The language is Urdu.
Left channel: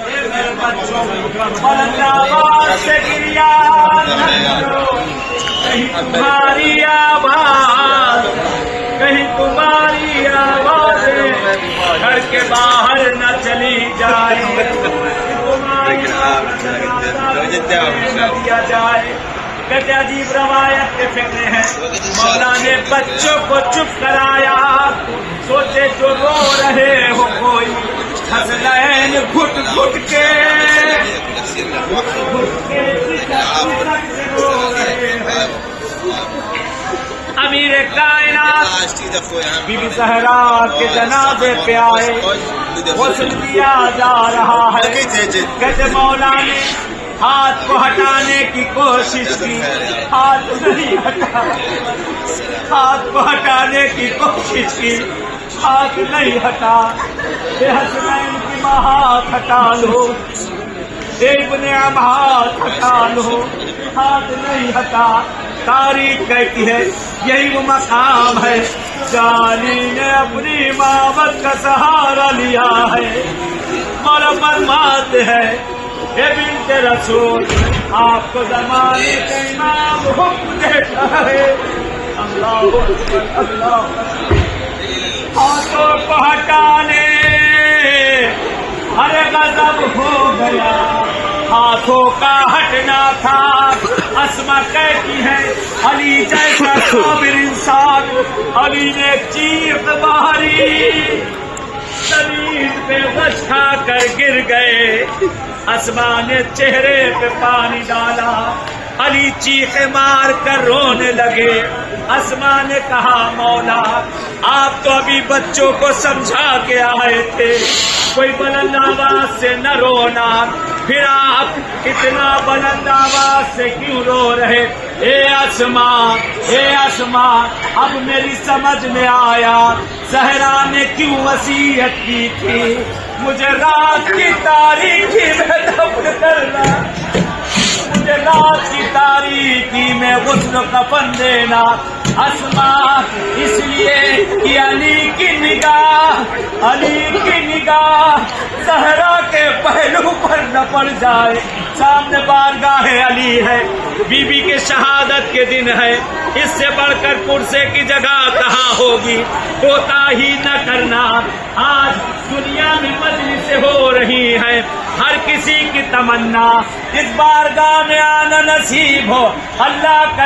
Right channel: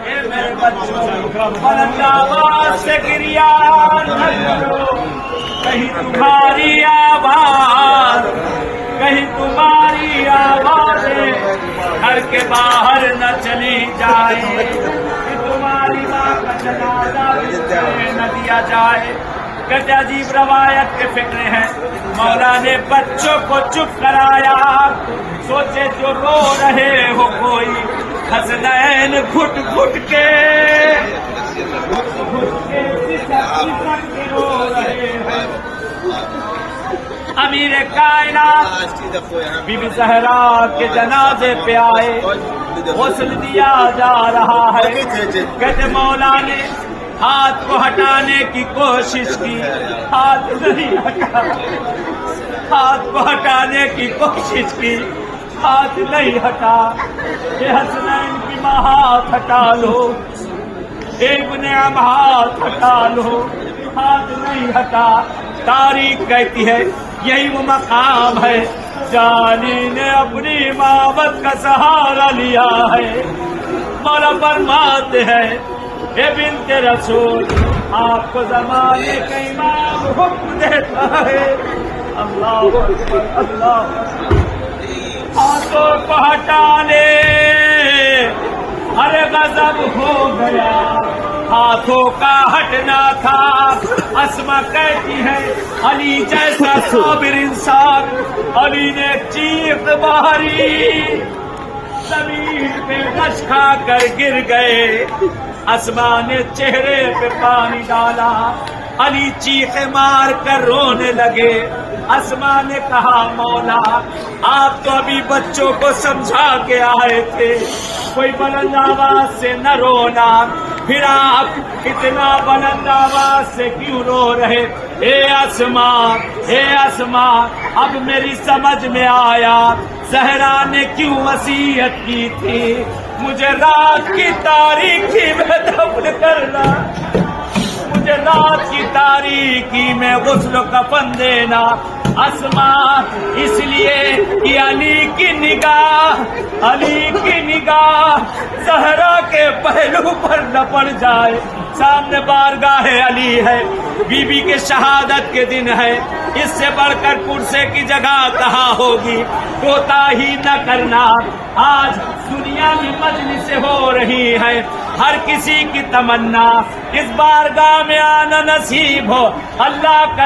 میرے بچوں بلند آواز سے گریا کہیں تمہاری آواز، کہیں تمہاری آوازیں گھر کے باہر نہ چلی جائے، تمہاری دیا جائے۔ کیا عجیب روایت کے فکرے ہیں، مولا نے بچوں کو چپ کرایا، سوچے جو رو رہے ہو کوئی حسنین گھٹ گھٹ کے رو رہے ہو۔ امیر کائنات بی بی زہرا کے جنازے پہ آئے، غسل دیا جا رہا ہے، کہتے مولا نے ہاتھ کو ہٹانے کی کوشش کی، ہاتھ نہیں ہٹا، ہاتھ کو ہٹانے کی کوشش کی، ہاتھ نہیں ہٹا۔ اے حسنین کی ماں ہاتھ ہٹا لو، اے ابن ہاتھ ہٹا لو، ہاتھ نہیں ہٹا۔ تاریخ کہتی ہے یہی وہ مقام ہے جانی نے اپنی مامت کا سہارا لیا ہے۔ مولا فرماتے ہیں اے بنت رسول، آپ کو زمانے کا امام حکم دیتا ہے، اللہ اکبر اللہ، ہاتھوں کو ہٹانے، ارے غضب ہو گیا، ہاتھوں کا ہٹنا تھا۔ اسما کہتی ہے علی جیسا صابر انسان، علی نے چیخ ماری، زمین پہ غش کھا کر گر گئے۔ اسما نے چہرے پہ پانی ڈالا، علی چیخے مار کر رونے لگے۔ اسما نے کہا مولا آپ تو ابھی بچوں کو سمجھا کے آئے تھے، کوئی بلند آواز سے نہ رونا، پھر آپ اتنا بلند آواز سے کیوں رو رہے؟ اے اسما، اے اسما، اب میری سمجھ میں آیا زہرا نے کیوں وصیت کی تھی مجھے رات کی تاریکی میں دفن کرنا، مجھے رات کی تاریکی میں غسل و کفن دینا۔ اسما اس لیے کہ علی کی نگاہ، علی کی نگاہ زہرا کے پہلو پر نہ پڑ جائے۔ سامنے بارگاہ علی ہے، بی بی کے شہادت کے دن ہے، اس سے بڑھ کر پرسے کی جگہ کہاں ہوگی؟ کوتاہی نہ کرنا۔ آج دنیا میں مجلس ہو رہی ہے، ہر کسی کی تمنا اس بارگاہ میں آنا نصیب ہو۔ اللہ کا